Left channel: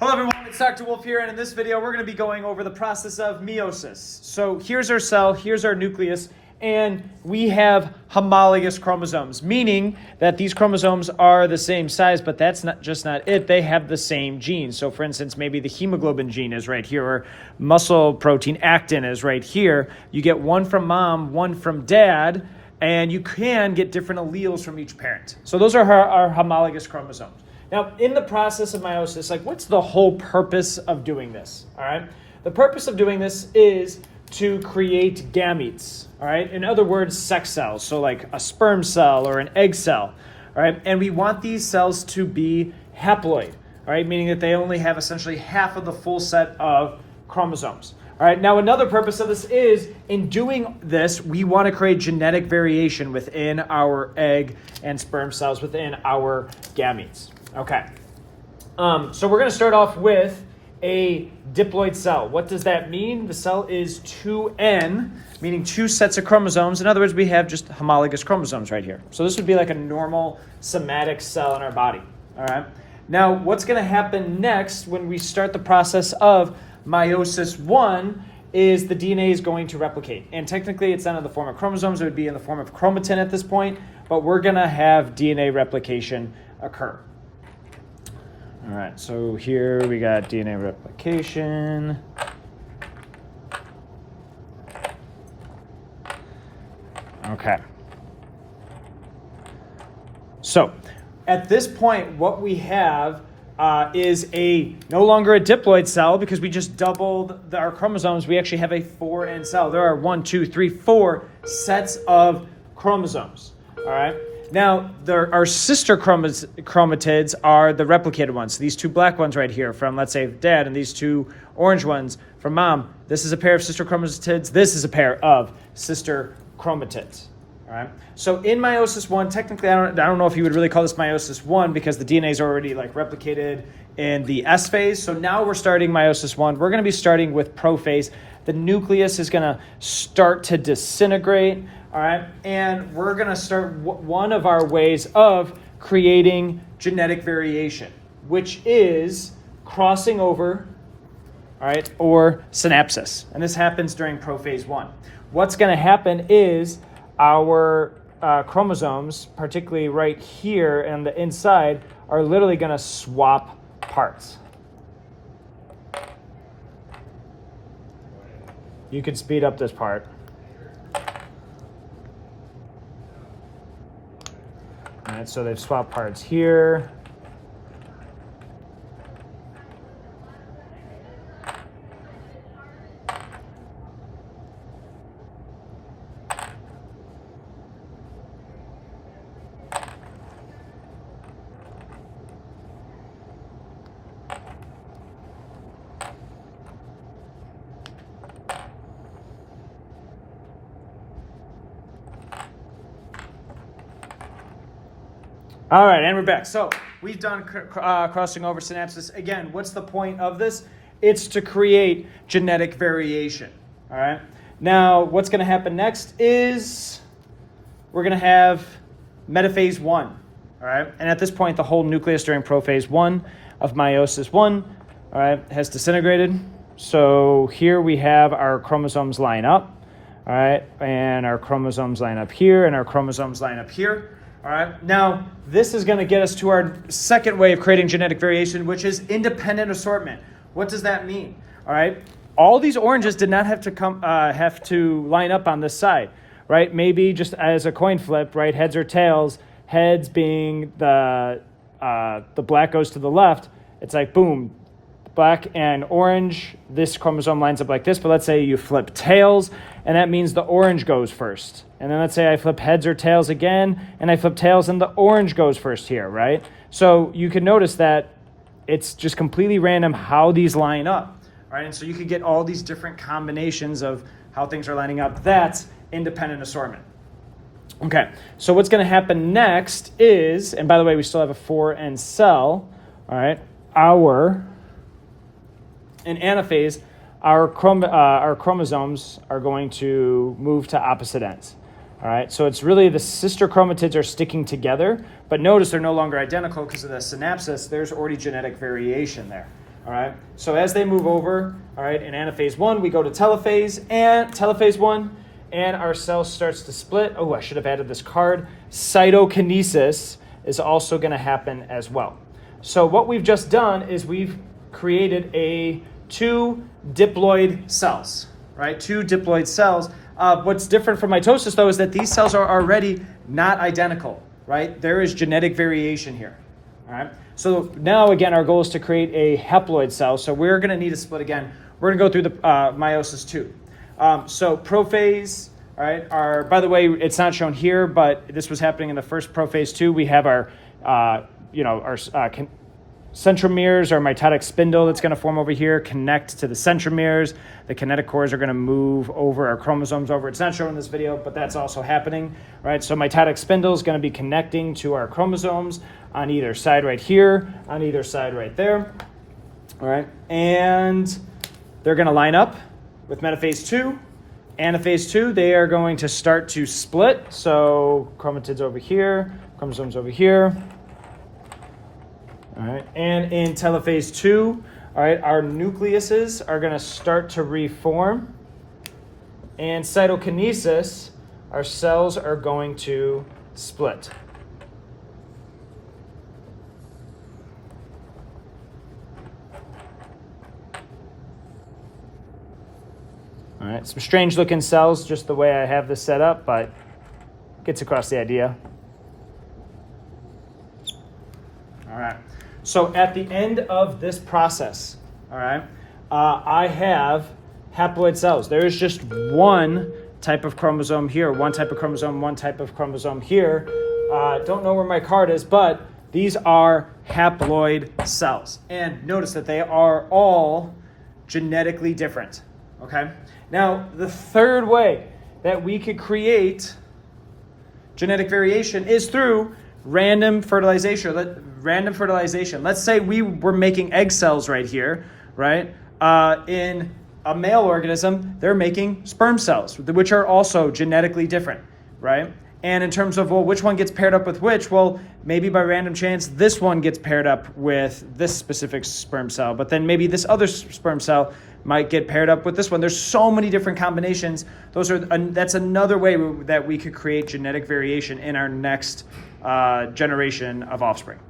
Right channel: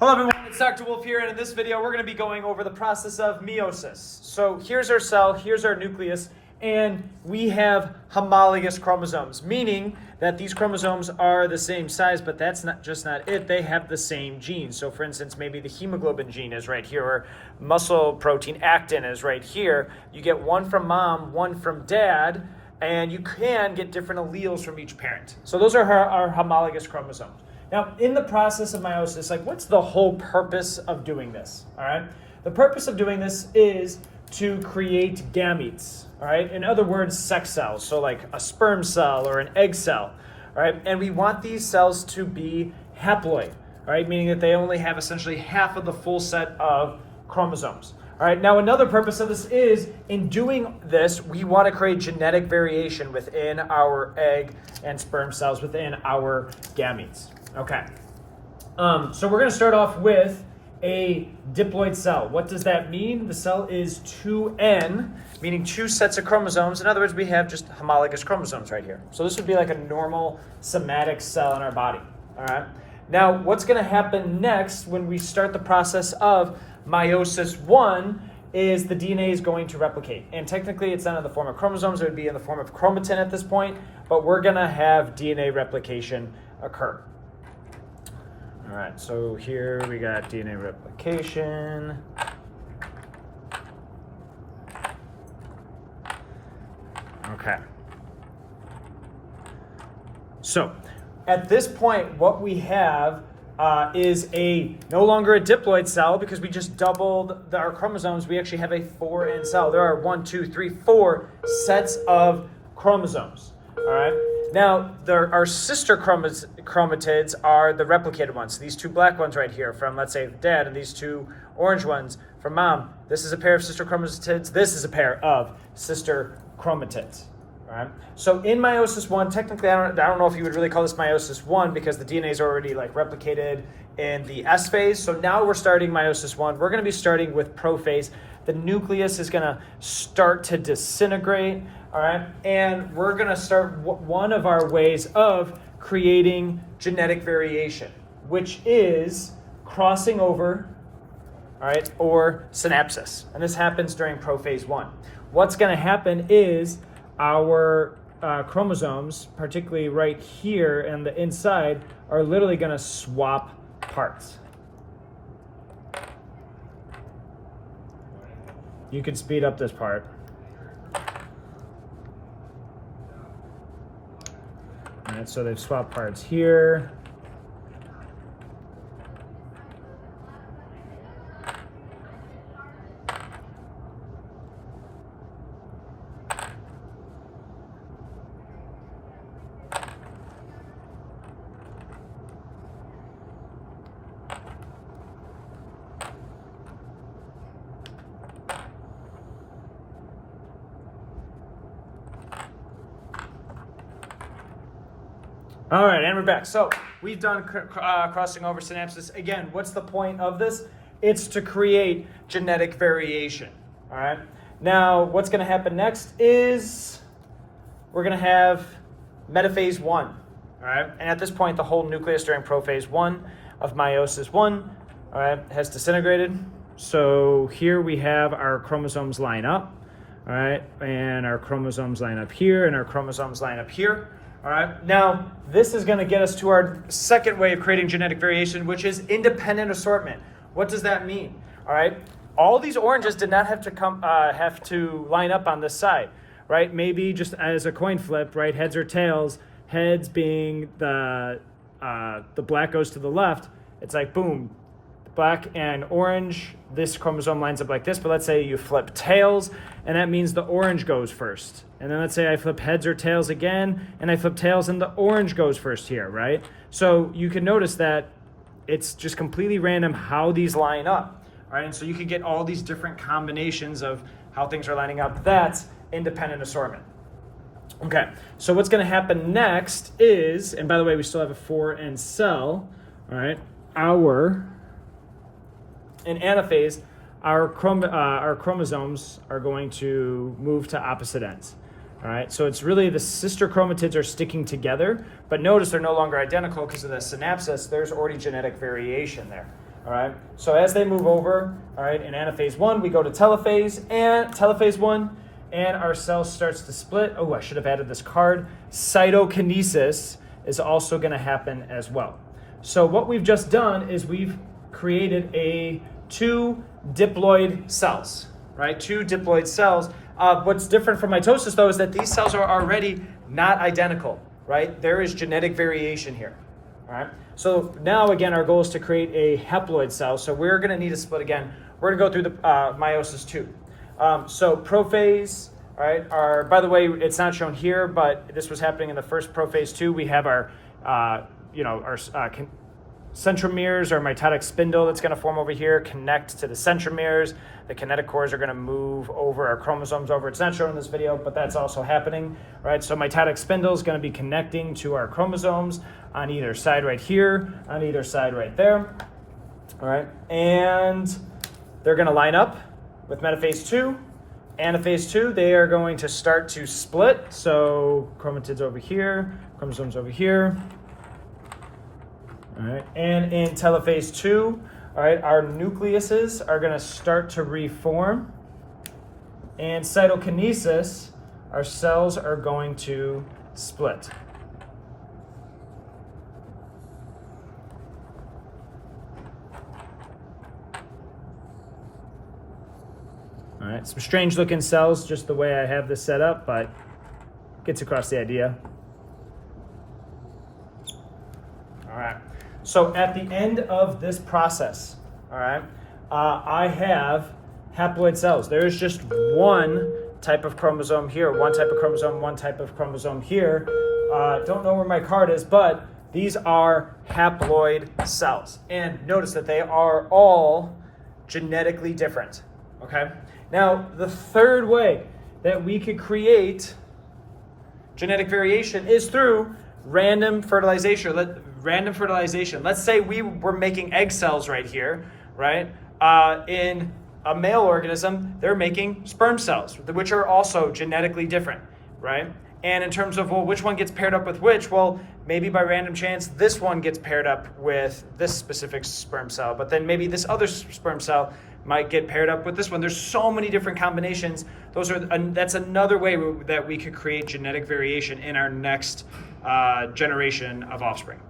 Hello everyone, it's Dr. Wolfe here, and in this video we're going to be going over the process of meiosis. So here's our cell, here's our nucleus, and we have homologous chromosomes, meaning that these chromosomes are the same size, but that's not it, they have the same genes. So for instance, maybe the hemoglobin gene is right here, or muscle protein actin is right here. You get one from mom, one from dad, and you can get different alleles from each parent. So those are our homologous chromosomes. Now, in the process of meiosis, what's the whole purpose of doing this, all right? The purpose of doing this is to create gametes, all right? In other words, sex cells, so like a sperm cell or an egg cell, all right? And we want these cells to be haploid, all right? Meaning that they only have essentially half of the full set of chromosomes. All right, now another purpose of this is, in doing this, we want to create genetic variation within our egg and sperm cells, within our gametes. Okay, so we're going to start off with a diploid cell. What does that mean? The cell is 2N, meaning two sets of chromosomes. In other words, we have just homologous chromosomes right here. So this would be like a normal somatic cell in our body. All right, now what's going to happen next when we start the process of meiosis 1 is the DNA is going to replicate. And technically it's not in the form of chromosomes, it would be in the form of chromatin at this point, but we're gonna have DNA replication occur. All right, so here we got DNA replication. Okay. So at this point, what we have is no longer a diploid cell, because we just doubled our chromosomes. We actually have a 4N cell. There are 4 sets of chromosomes. All right. Now, our sister chromatids are the replicated ones. So these two black ones right here from, let's say, dad, and these two orange ones from mom. This is a pair of sister chromatids. This is a pair of sister chromatids. Right. So in meiosis 1, technically, I don't know if you would really call this meiosis 1, because the DNA is already replicated in the S phase. So now we're starting meiosis 1. We're going to be starting with prophase. The nucleus is going to start to disintegrate. All right, and we're going to start one of our ways of creating genetic variation, which is crossing over, all right, or synapsis. And this happens during prophase 1. What's going to happen is our chromosomes, particularly right here and the inside, are literally going to swap parts. You can speed up this part. All right, so they've swapped parts here. All right, and we're back. So we've done crossing over synapsis. Again, what's the point of this? It's to create genetic variation. All right. Now, what's going to happen next is we're going to have metaphase 1. All right. And at this point, the whole nucleus during prophase 1 of meiosis 1, all right, has disintegrated. So here we have our chromosomes line up. All right. And our chromosomes line up here, and our chromosomes line up here. All right, now this is going to get us to our second way of creating genetic variation, which is independent assortment. What does that mean? All right, all these oranges did not have to line up on this side, right? Maybe just as a coin flip, right? Heads or tails. Heads being the black goes to the left. It's like boom, black and orange. This chromosome lines up like this. But let's say you flip tails, and that means the orange goes first. And then let's say I flip heads or tails again, and I flip tails, and the orange goes first here, right? So you can notice that it's just completely random how these line up, right? And so you can get all these different combinations of how things are lining up. That's independent assortment. Okay, so what's going to happen next is, and by the way, we still have a 4N cell, all right? In anaphase, our chromosomes are going to move to opposite ends. All right, so it's really the sister chromatids are sticking together, but notice they're no longer identical because of the synapsis. There's already genetic variation there. All right. So as they move over, all right, in anaphase 1, we go to telophase 1, and our cell starts to split. Oh, I should have added this card. Cytokinesis is also going to happen as well. So what we've just done is we've created two diploid cells, right? Two diploid cells. What's different from mitosis, though, is that these cells are already not identical, right? There is genetic variation here, all right? So now, again, our goal is to create a haploid cell. So we're going to need a split again. We're going to go through the meiosis 2. So prophase, all right, by the way, it's not shown here, but this was happening in the first prophase 2. We have our, centromeres, our mitotic spindle that's going to form over here, connect to the centromeres. The kinetochores are going to move over our chromosomes over. It's not shown in this video, but that's also happening, right? So mitotic spindle is going to be connecting to our chromosomes on either side right here, on either side right there, all right? And they're going to line up with metaphase 2. Anaphase 2, they are going to start to split. So chromatids over here, chromosomes over here. All right, and in telophase 2, all right, our nucleuses are going to start to reform. And cytokinesis, our cells are going to split. All right, some strange looking cells, just the way I have this set up, but gets across the idea. All right, so at the end of this process, all right, I have haploid cells. There's just one type of chromosome here, one type of chromosome here. Don't know where my card is, but these are haploid cells. And notice that they are all genetically different, okay? Now, the third way that we could create genetic variation is through random fertilization. Let's say we were making egg cells right here, right? In a male organism, they're making sperm cells, which are also genetically different, right? And in terms of, well, which one gets paired up with which? Well, maybe by random chance, this one gets paired up with this specific sperm cell, but then maybe this other sperm cell might get paired up with this one. There's so many different combinations. That's another way that we could create genetic variation in our next generation of offspring.